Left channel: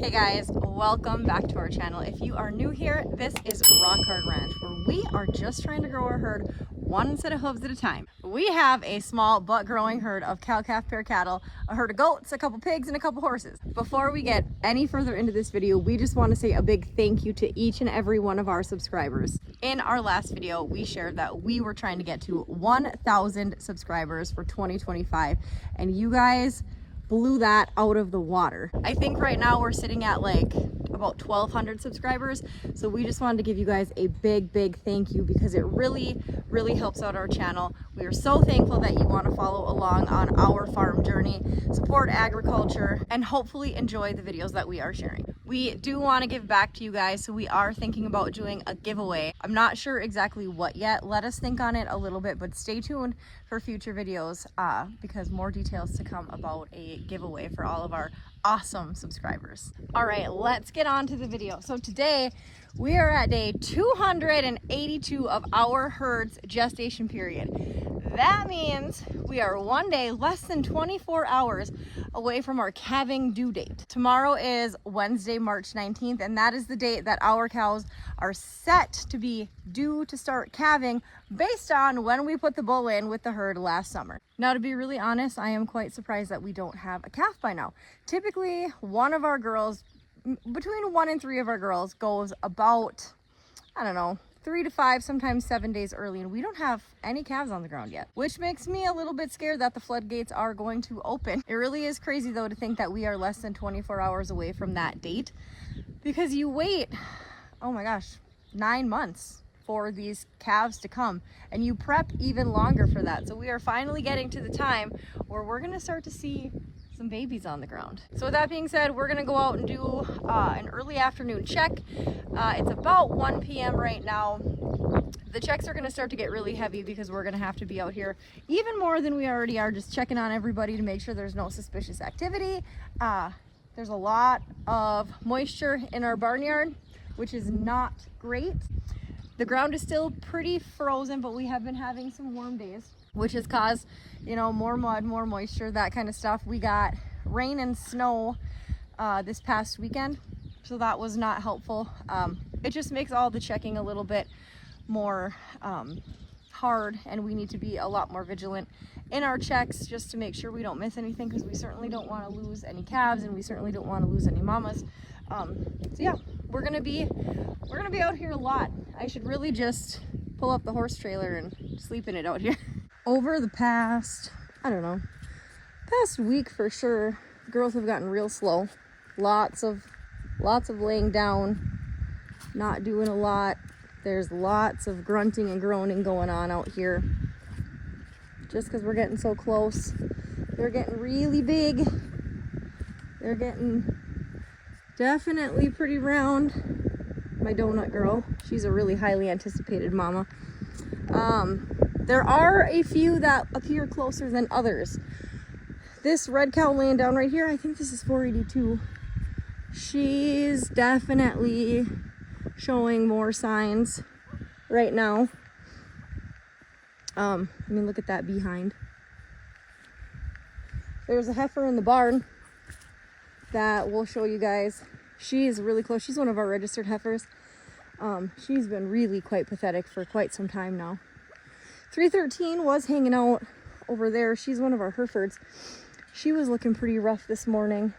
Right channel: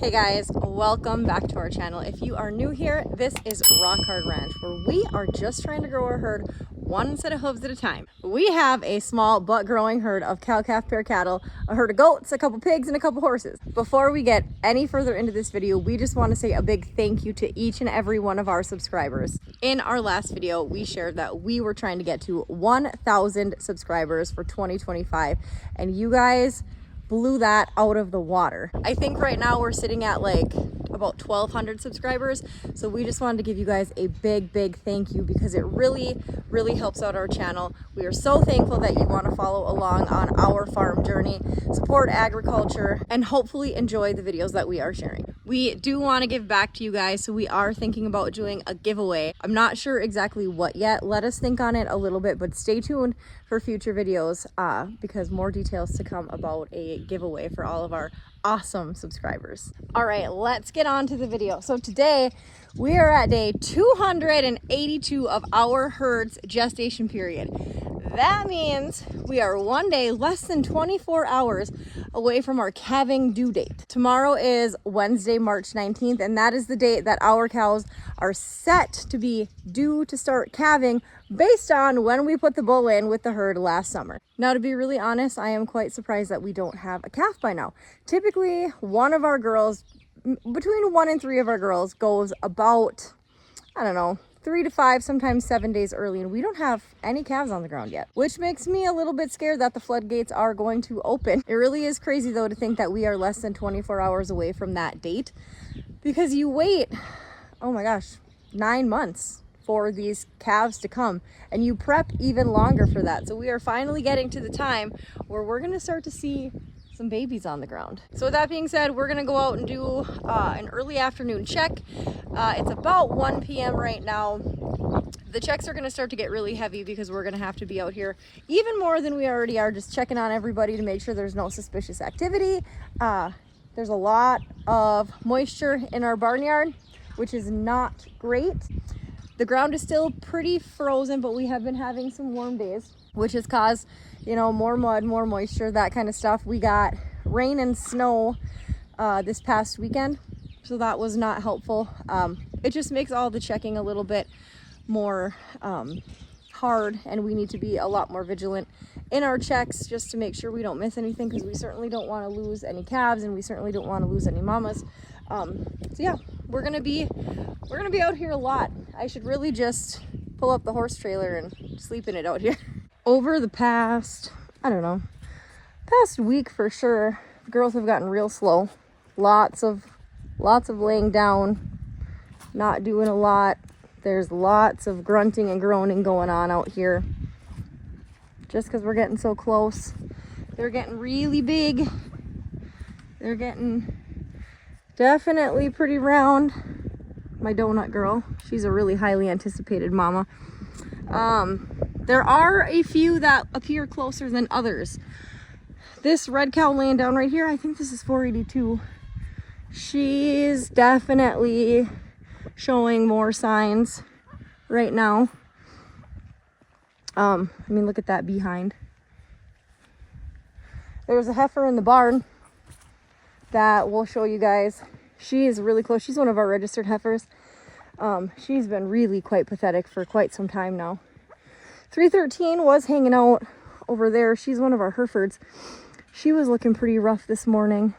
Hey guys, welcome back to our channel. If you are new here, this is Rockhardranch, where we are just trying to grow our herd one set of hooves at a time. We have a small but growing herd of cow-calf pair cattle, a herd of goats, a couple pigs, and a couple horses. Before we get any further into this video, we just want to say a big thank you to each and every one of our subscribers. In our last video, we shared that we were trying to get to 1,000 subscribers for 2025, and you guys blew that out of the water. I think right now we're sitting at like about 1,200 subscribers. So we just wanted to give you guys a big thank you because it really helps out our channel. We are so thankful that you want to follow along on our farm journey, support agriculture, and hopefully enjoy the videos that we are sharing. We do want to give back to you guys, so we are thinking about doing a giveaway. I'm not sure exactly what yet. Let us think on it a little bit, but stay tuned for future videos because more details to come about a giveaway for all of our awesome subscribers. All right, let's get on to the video. So today we are at day 282 of our herd's gestation period. That means we are one day less than 24 hours away from our calving due date. Tomorrow is Wednesday, March 19th, and that is the date that our cows are set to be due to start calving based on when we put the bull in with the herd last summer. Now, to be really honest, I am quite surprised that we don't have a calf by now. Typically, one of our girls, between 1 and 3 of our girls, goes about, I don't know, 3 to 5, sometimes 7 days early, and we don't have any calves on the ground yet, which makes me a little bit scared that the floodgates are going to open. It really is crazy though to think that we are less than 24 hours away from that date, because you wait, oh my gosh, 9 months for these calves to come, and you prep even longer for that. So we are finally getting to the time where we're going to start to see some babies on the ground. So with that being said, we're gonna go out and do an early afternoon check. It's about 1 p.m. right now. The checks are gonna start to get really heavy because we're gonna have to be out here even more than we already are, just checking on everybody to make sure there's no suspicious activity. There's a lot of moisture in our barnyard, which is not great. The ground is still pretty frozen, but we have been having some warm days, which has caused, you know, more mud, more moisture, that kind of stuff. We got rain and snow this past weekend, so that was not helpful. It just makes all the checking a little bit more hard, and we need to be a lot more vigilant in our checks just to make sure we don't miss anything, because we certainly don't want to lose any calves, and we certainly don't want to lose any mamas. So yeah, we're gonna be out here a lot. I should really just pull up the horse trailer and sleep in it out here. Over the past, I don't know, past week for sure, the girls have gotten real slow. Lots of laying down, not doing a lot. There's lots of grunting and groaning going on out here. Just because we're getting so close. They're getting really big. They're getting definitely pretty round. My donut girl, she's a really highly anticipated mama. There are a few that appear closer than others. This red cow laying down right here, I think this is 482. She's definitely showing more signs right now. I mean, look at that behind. There's a heifer in the barn that we'll show you guys. She is really close. She's one of our registered heifers. She's been really quite pathetic for quite some time now. 313 was hanging out over there. She's one of our Herefords. She was looking pretty rough this morning.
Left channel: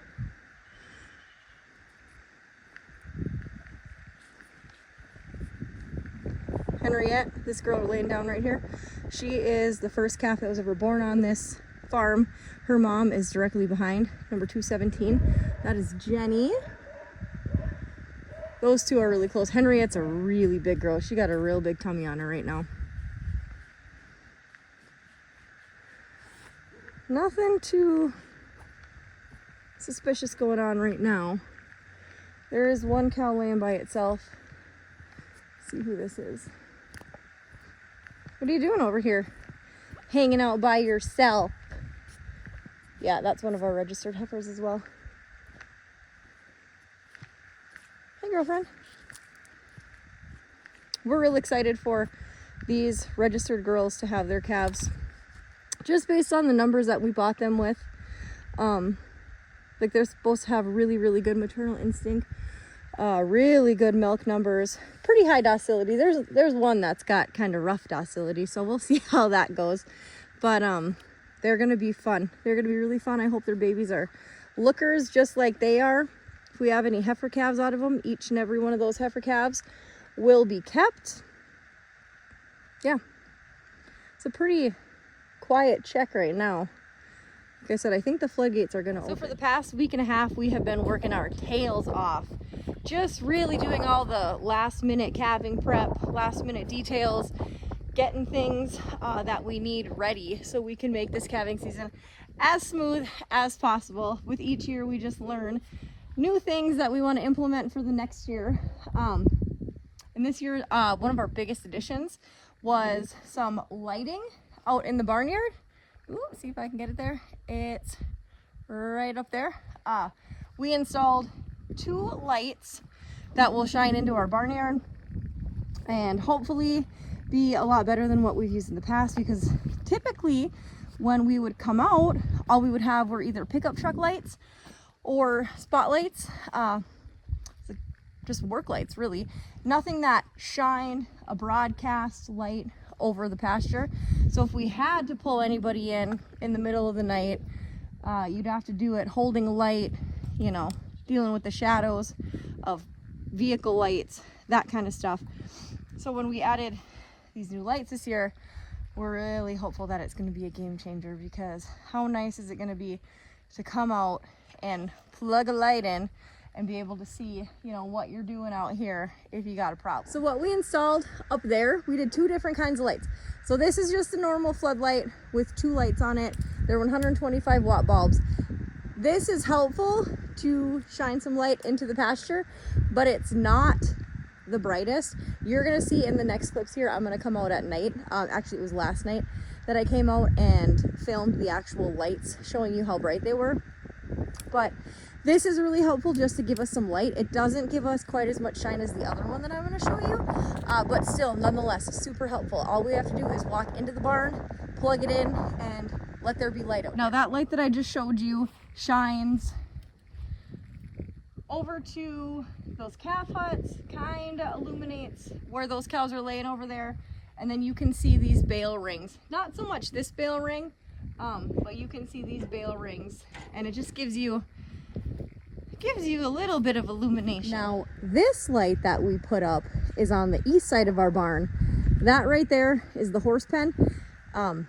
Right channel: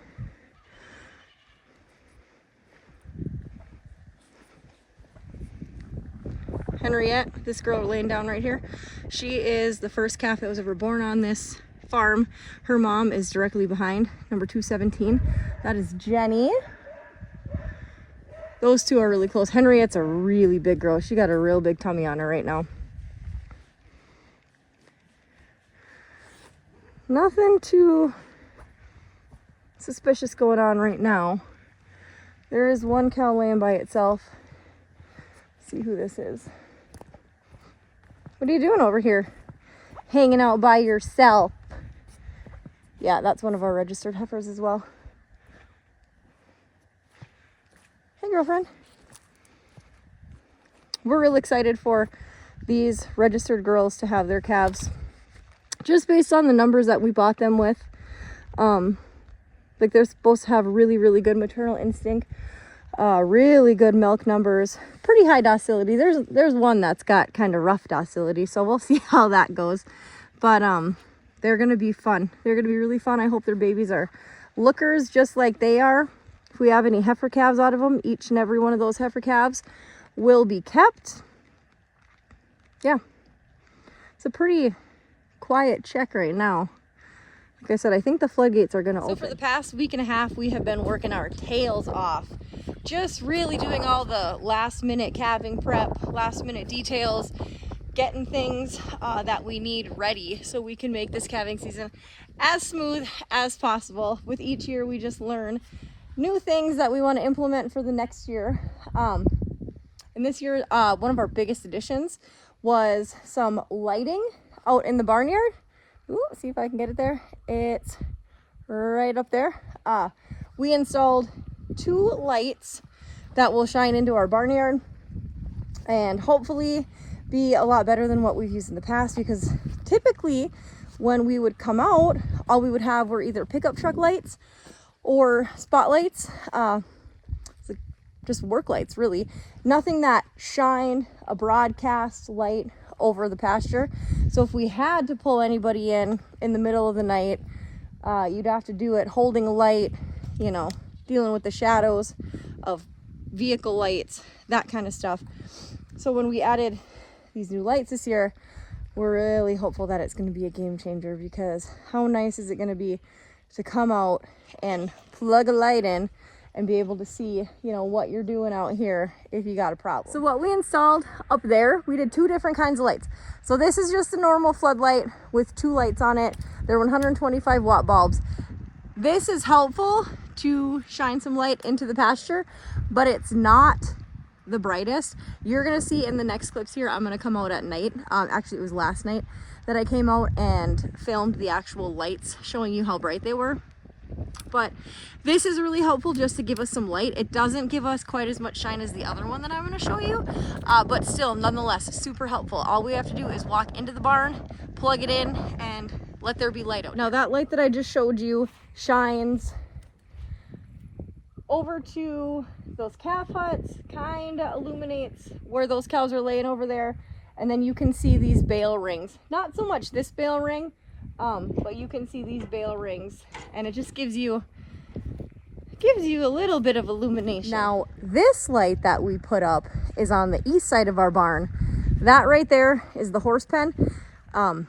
Henriette, this girl laying down right here, she is the first calf that was ever born on this farm. Her mom is directly behind, number 217. That is Jenny. Those two are really close. Henriette's a really big girl. She got a real big tummy on her right now. Nothing too suspicious going on right now. There is one cow laying by itself. Let's see who this is. What are you doing over here? Hanging out by yourself. Yeah, that's one of our registered heifers as well. Hey, girlfriend. We're real excited for these registered girls to have their calves, just based on the numbers that we bought them with. Like they're supposed to have really, really good maternal instinct, really good milk numbers, pretty high docility. There's one that's got kind of rough docility, so we'll see how that goes. But they're gonna be fun. They're gonna be really fun. I hope their babies are lookers just like they are. If we have any heifer calves out of them, each and every one of those heifer calves will be kept. Yeah, it's a pretty quiet check right now. Like I said, I think the floodgates are gonna open. So for the past week and a half, we have been working our tails off, just really doing all the last minute calving prep, last minute details, getting things that we need ready so we can make this calving season as smooth as possible. With each year, we just learn new things that we want to implement for the next year. And this year, one of our biggest additions was some lighting out in the barnyard. Ooh, see if I can get it there. It's right up there. We installed 2 lights that will shine into our barnyard and hopefully be a lot better than what we've used in the past, because typically when we would come out, all we would have were either pickup truck lights or spotlights, just work lights really. Nothing that shined a broadcast light over the pasture. So if we had to pull anybody in the middle of the night, you'd have to do it holding a light, you know, dealing with the shadows of vehicle lights, that kind of stuff. So when we added these new lights this year, we're really hopeful that it's going to be a game changer, because how nice is it going to be to come out and plug a light in and be able to see, you know, what you're doing out here if you got a problem. So what we installed up there, we did 2 different kinds of lights. So this is just a normal floodlight with 2 lights on it. They're 125 watt bulbs. This is helpful to shine some light into the pasture, but it's not the brightest. You're gonna see in the next clips here, I'm gonna come out at night. Actually, it was last night that I came out and filmed the actual lights, showing you how bright they were. But this is really helpful just to give us some light. It doesn't give us quite as much shine as the other one that I'm going to show you, but still, nonetheless, super helpful. All we have to do is walk into the barn, plug it in, and let there be light out. Now that light that I just showed you shines over to those calf huts, kind of illuminates where those cows are laying over there, and then you can see these bale rings. Not so much this bale ring, but you can see these bale rings, and it just gives you a little bit of illumination. Now this light that we put up is on the east side of our barn. That right there is the horse pen, and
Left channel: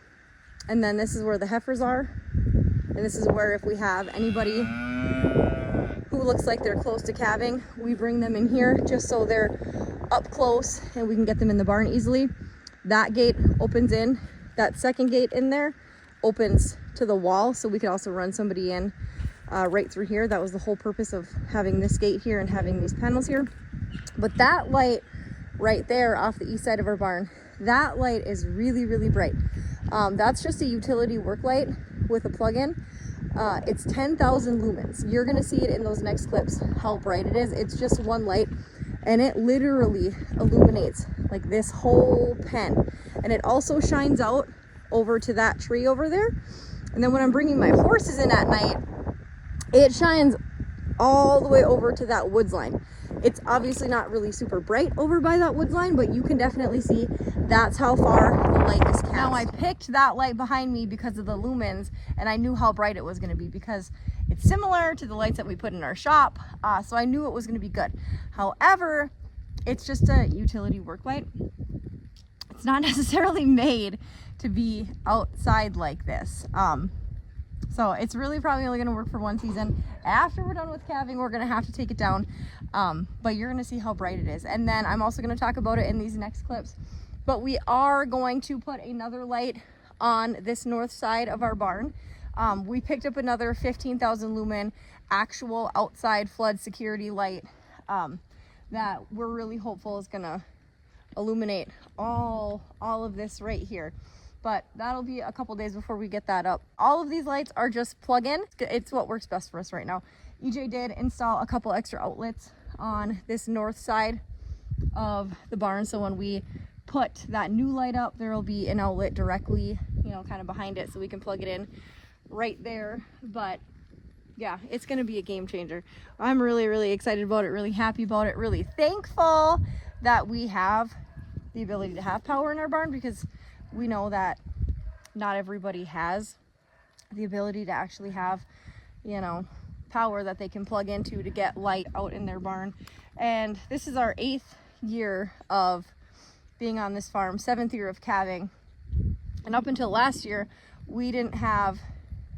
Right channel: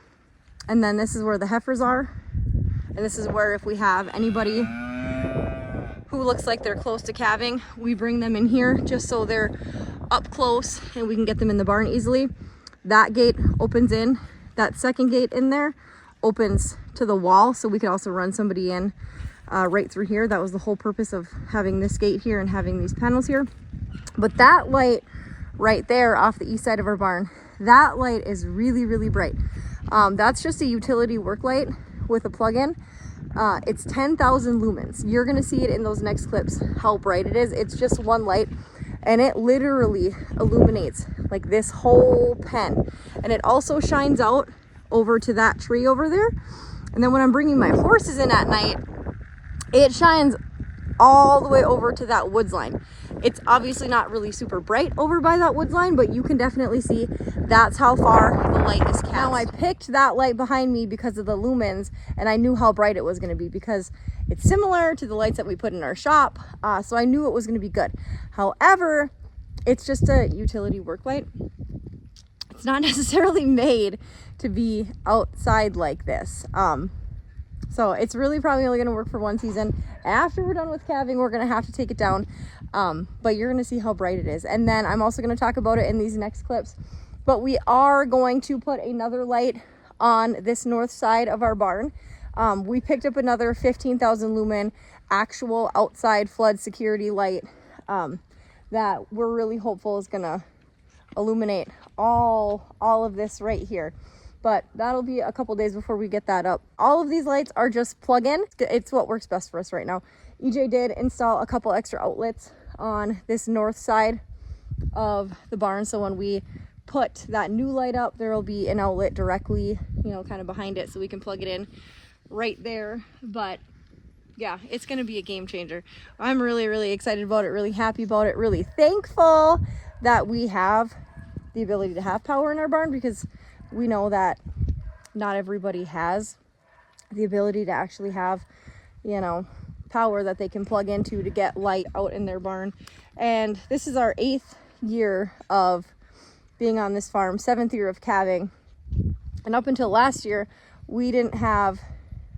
then this is where the heifers are, and this is where, if we have anybody who looks like they're close to calving, we bring them in here just so they're up close and we can get them in the barn easily. That gate opens in, that second gate in there opens to the wall, so we could also run somebody in right through here. That was the whole purpose of having this gate here and having these panels here. But that light right there off the east side of our barn, that light is really, really bright. That's just a utility work light with a plug-in. It's 10,000 lumens. You're gonna see it in those next clips how bright it is. It's just one light, and it literally illuminates like this whole pen, and it also shines out over to that tree over there. And then when I'm bringing my horses in at night, it shines all the way over to that woods line. It's obviously not really super bright over by that woods line, but you can definitely see that's how far the light is cast. Now I picked that light behind me because of the lumens, and I knew how bright it was going to be because it's similar to the lights that we put in our shop, so I knew it was going to be good. However, it's just a utility work light. It's not necessarily made to be outside like this. So it's really probably only going to work for one season. After we're done with calving, we're going to have to take it down, but you're going to see how bright it is. And then I'm also going to talk about it in these next clips, but we are going to put another light on this north side of our barn. We picked up another 15,000 lumen actual outside flood security light that we're really hopeful is going to illuminate all of this right here. But that'll be a couple days before we get that up. All of these lights are just plug-in. It's what works best for us right now. EJ did install a couple extra outlets on this north side of the barn, so when we put that new light up, there will be an outlet directly, you know, kind of behind it, so we can plug it in right there. But Yeah, it's going to be a game changer. I'm really, really excited about it, really happy about it, really thankful that we have the ability to have power in our barn, because we know that not everybody has the ability to actually have, you know, power that they can plug into to get light out in their barn. And this is our 8th year of being on this farm, 7th year of calving. And up until last year, we didn't have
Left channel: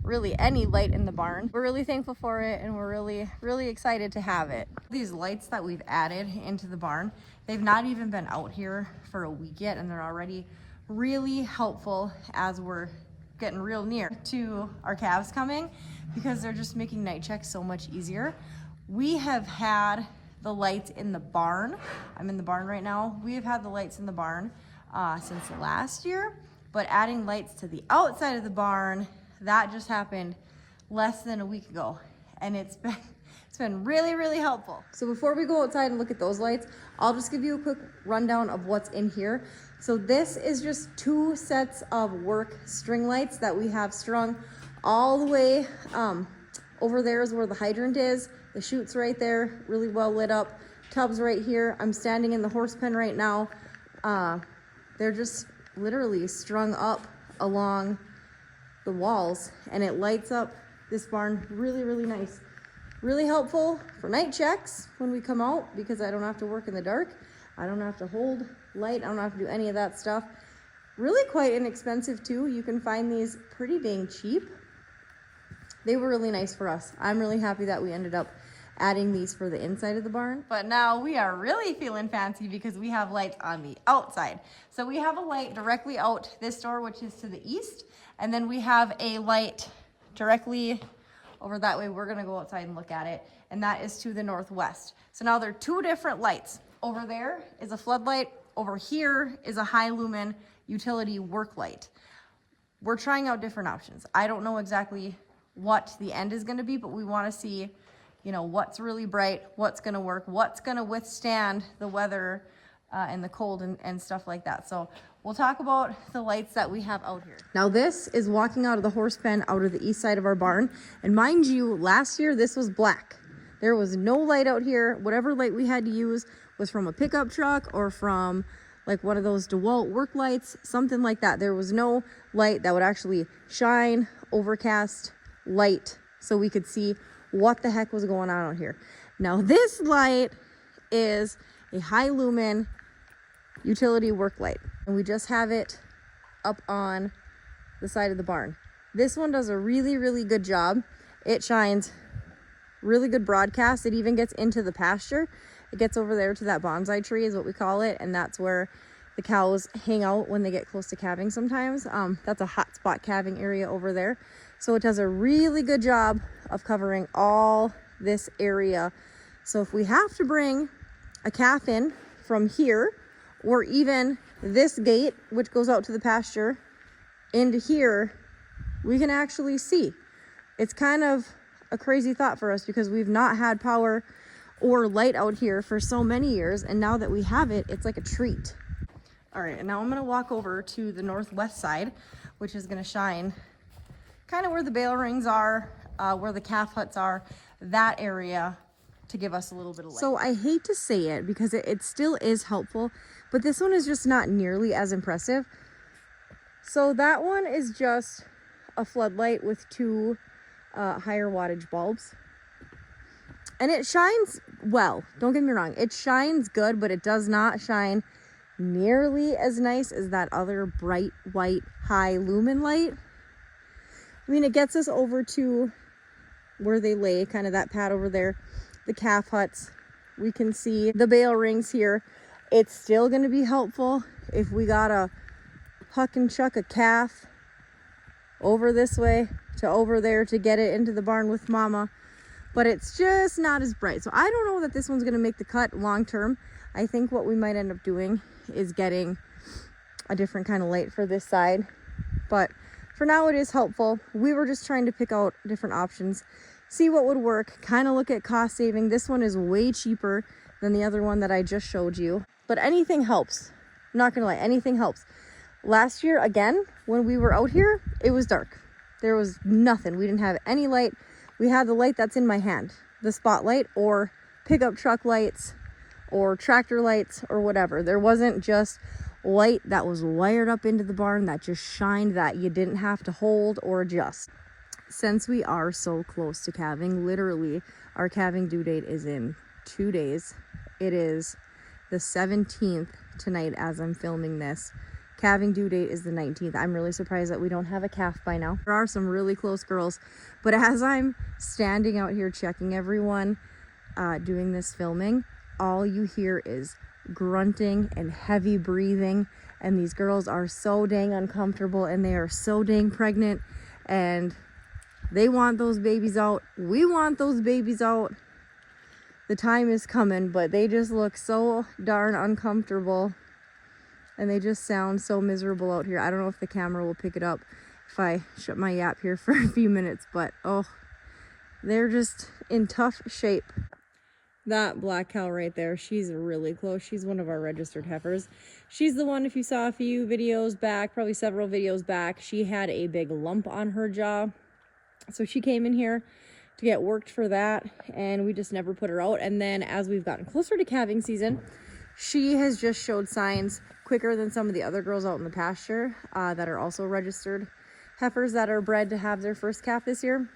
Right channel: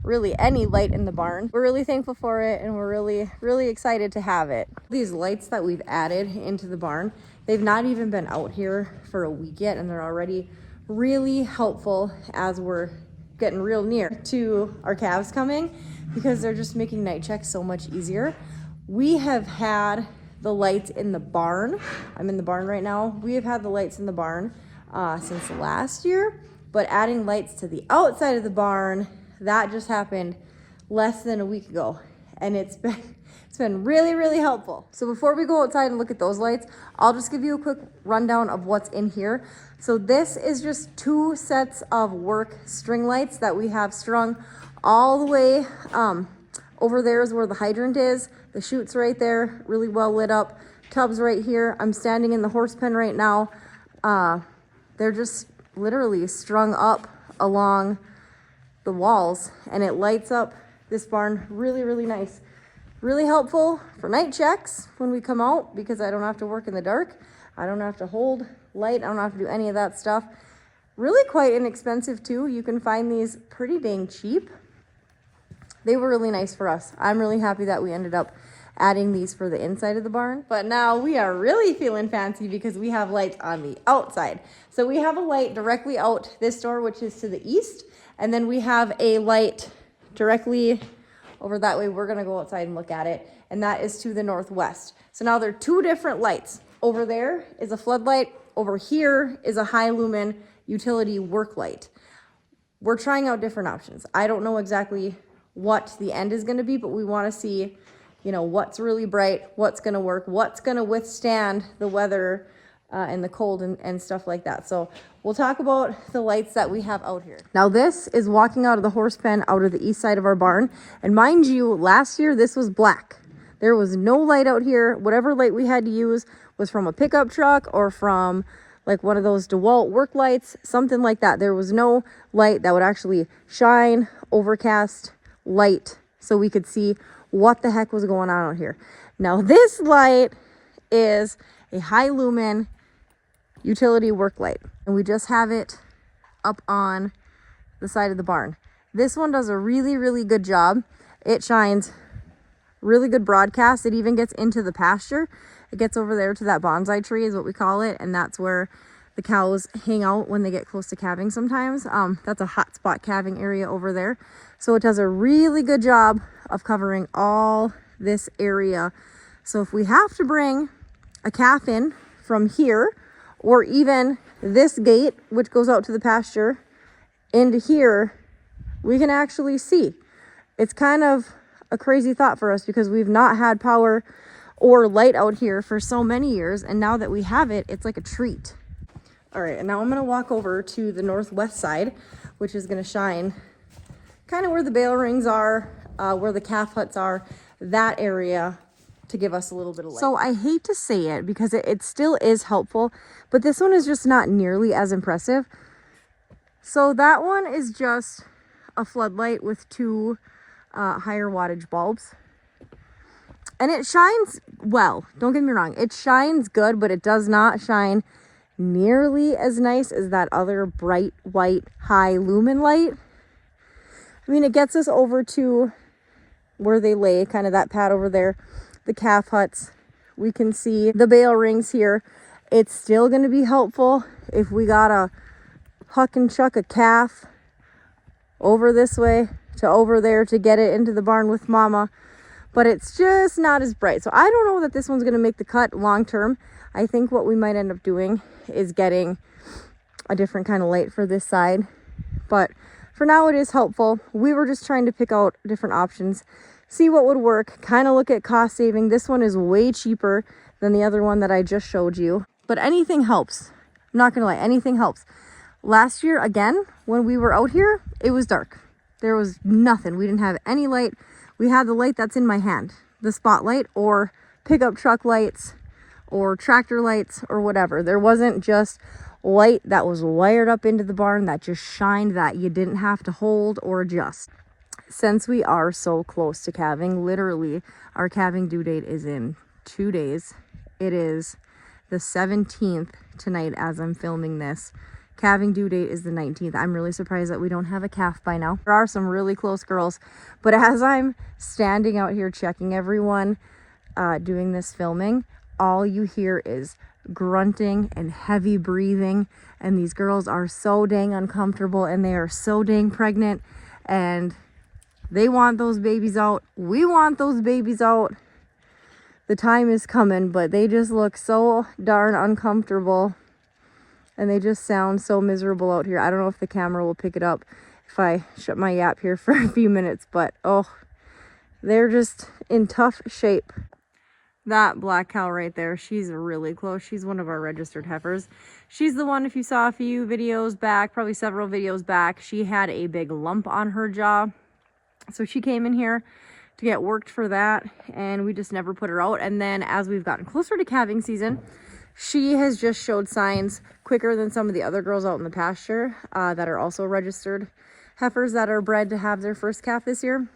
really any light in the barn. We're really thankful for it, and we're really, really excited to have it. These lights that we've added into the barn, they've not even been out here for a week yet, and they're already really helpful as we're getting real near to our calves coming, because they're just making night checks so much easier. We have had the lights in the barn. I'm in the barn right now. We have had the lights in the barn since last year, but adding lights to the outside of the barn, that just happened less than a week ago, and it's been really, really helpful. So before we go outside and look at those lights, I'll just give you a quick rundown of what's in here. So this is just 2 sets of work string lights that we have strung all the way over there is where the hydrant is. The chute's right there, really well lit up. Tub's right here. I'm standing in the horse pen right now. They're just literally strung up along the walls, and it lights up this barn really, really nice. Really helpful for night checks when we come out, because I don't have to work in the dark. I don't have to hold light. I don't have to do any of that stuff. Really quite inexpensive too. You can find these pretty dang cheap. They were really nice for us. I'm really happy that we ended up adding these for the inside of the barn. But now we are really feeling fancy because we have lights on the outside. So we have a light directly out this door, which is to the east. And then we have a light directly over that way. We're gonna go outside and look at it. And that is to the northwest. So now there are 2 different lights. Over there is a floodlight. Over here is a high lumen utility work light. We're trying out different options. I don't know exactly what the end is gonna be, but we wanna see, you know, what's really bright, what's gonna work, what's gonna withstand the weather and the cold and stuff like that. So we'll talk about the lights that we have out here. Now this is walking out of the horse pen out of the east side of our barn. And mind you, last year this was black. There was no light out here. Whatever light we had to use was from a pickup truck or from like one of those DeWalt work lights, something like that. There was no light that would actually shine, overcast light, so we could see what the heck was going on out here. Now this light is a high lumen utility work light, and we just have it up on the side of the barn. This one does a really, really good job. It shines really good broadcast. It even gets into the pasture. It gets over there to that bonsai tree is what we call it, and that's where the cows hang out when they get close to calving sometimes. That's a hot spot calving area over there. So it does a really good job of covering all this area. So if we have to bring a calf in from here, or even this gate, which goes out to the pasture, into here, we can actually see. It's kind of a crazy thought for us because we've not had power or light out here for so many years, and now that we have it, it's like a treat. All right, and now I'm gonna walk over to the northwest side, which is gonna shine kind of where the bale rings are, where the calf huts are, that area, to give us a little bit of light. So I hate to say it because it still is helpful, but this one is just not nearly as impressive. So that one is just a floodlight with 2 higher wattage bulbs. And it shines well, don't get me wrong. It shines good, but it does not shine nearly as nice as that other bright white high lumen light. I mean, it gets us over to where they lay, kind of that pad over there, the calf huts. We can see the bale rings here. It's still going to be helpful if we gotta huck and chuck a calf over this way to over there to get it into the barn with mama, but it's just not as bright. So I don't know that this one's going to make the cut long term. I think what we might end up doing is getting a different kind of light for this side, but for now it is helpful. We were just trying to pick out different options, see what would work, kind of look at cost saving. This one is way cheaper than the other one that I just showed you, but anything helps. I'm not gonna lie, anything helps. Last year, again, when we were out here, it was dark. There was nothing. We didn't have any light. We had the light that's in my hand, the spotlight or pickup truck lights or tractor lights or whatever. There wasn't just light that was wired up into the barn that just shined that you didn't have to hold or adjust. Since we are so close to calving, literally our calving due date is in 2 days. It is the 17th tonight as I'm filming this. Calving due date is the 19th. I'm really surprised that we don't have a calf by now. There are some really close girls, but as I'm standing out here checking everyone, doing this filming, all you hear is grunting and heavy breathing, and these girls are so dang uncomfortable and they are so dang pregnant, and they want those babies out. We want those babies out. The time is coming, but they just look so darn uncomfortable and they just sound so miserable out here. I don't know if the camera will pick it up if I shut my yap here for a few minutes, but oh, they're just in tough shape. That black cow right there, she's really close. She's one of our registered heifers. She's the one, if you saw a few videos back, probably several videos back, she had a big lump on her jaw. So she came in here to get worked for that, and we just never put her out. And then as we've gotten closer to calving season, she has just showed signs quicker than some of the other girls out in the pasture that are also registered heifers that are bred to have their first calf this year.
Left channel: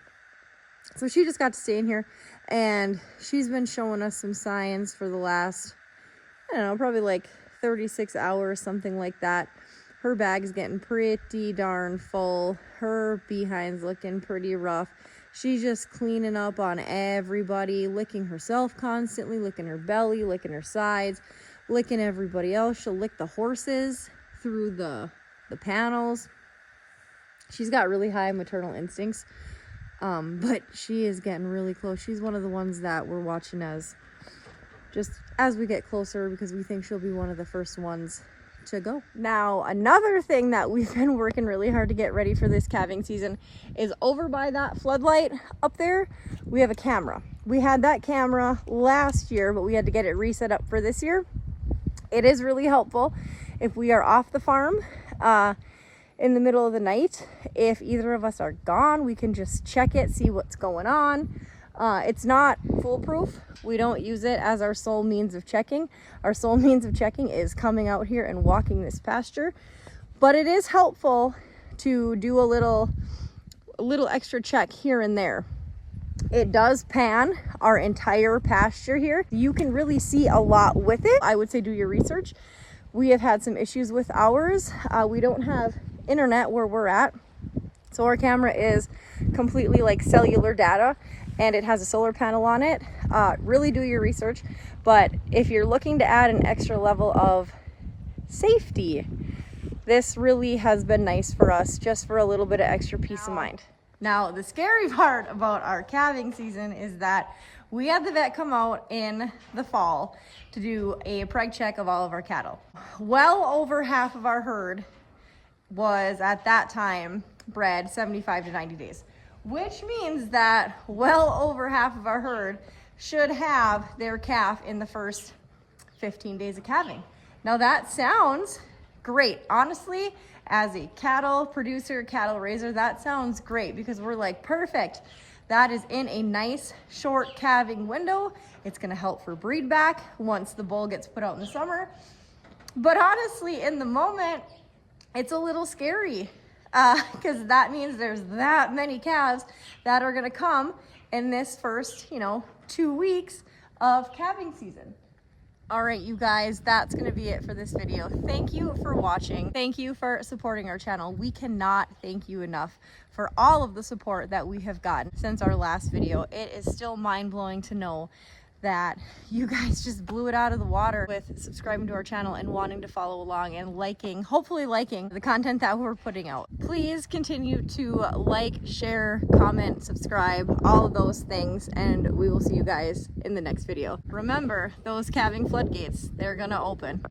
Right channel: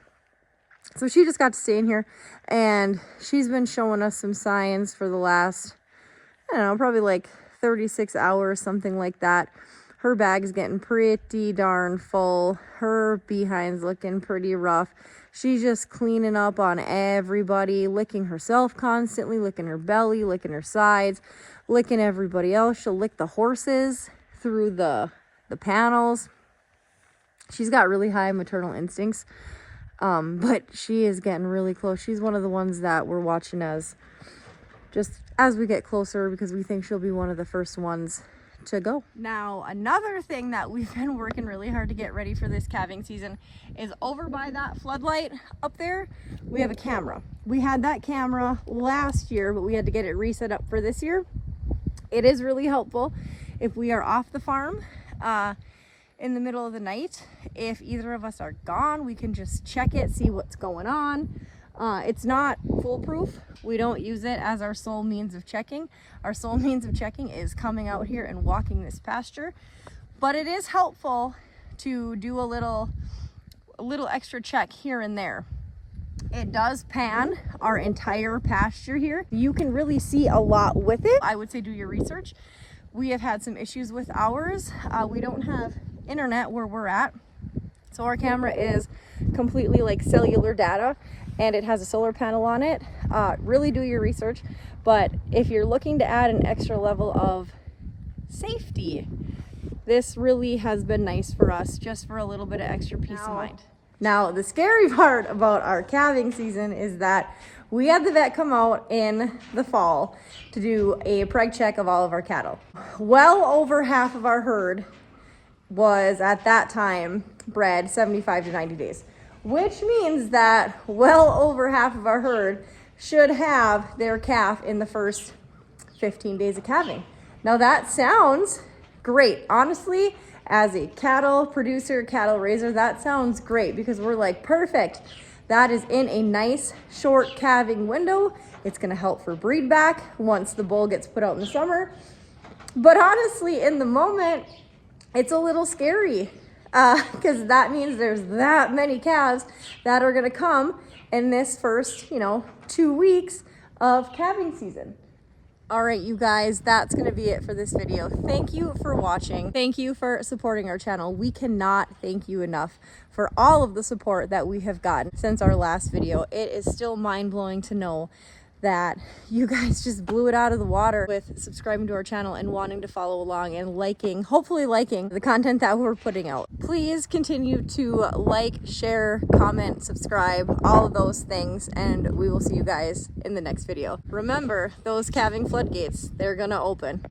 So she just got to stay in here, and she's been showing us some signs for the last, I don't know, probably like 36 hours, something like that. Her bag's getting pretty darn full. Her behind's looking pretty rough. She's just cleaning up on everybody, licking herself constantly, licking her belly, licking her sides, licking everybody else. She'll lick the horses through the panels. She's got really high maternal instincts, but she is getting really close. She's one of the ones that we're watching as we get closer, because we think she'll be one of the first ones to go. Now, another thing that we've been working really hard to get ready for this calving season is over by that floodlight up there, we have a camera. We had that camera last year, but we had to get it reset up for this year. It is really helpful if we are off the farm in the middle of the night. If either of us are gone, we can just check it, see what's going on. It's not foolproof. We don't use it as our sole means of checking. Our sole means of checking is coming out here and walking this pasture. But it is helpful to do a little extra check here and there. It does pan our entire pasture here. You can really see a lot with it. I would say do your research. We have had some issues with ours. We don't have internet where we're at, so our camera is completely like cellular data, and it has a solar panel on it. Really do your research, but if you're looking to add an extra level of safety, this really has been nice for us, just for a little bit of extra peace of mind. Now, the scary part about our calving season is that we had the vet come out in the fall to do a preg check of all of our cattle. Well over half of our herd was at that time bred 75 to 90 days, which means that well over half of our herd should have their calf in the first 15 days of calving. Now that sounds great. Honestly, as a cattle producer, cattle raiser, that sounds great, because we're like, perfect. That is in a nice short calving window. It's gonna help for breed back once the bull gets put out in the summer. But honestly, in the moment, it's a little scary, because that means there's that many calves that are gonna come in this first, 2 weeks of calving season. All right, you guys, that's gonna be it for this video. Thank you for watching. Thank you for supporting our channel. We cannot thank you enough for all of the support that we have gotten since our last video. It is still mind-blowing to know that you guys just blew it out of the water with subscribing to our channel and wanting to follow along and hopefully liking the content that we're putting out. Please continue to like, share, comment, subscribe, all of those things, and we will see you guys in the next video. Remember, those calving floodgates, they're gonna open.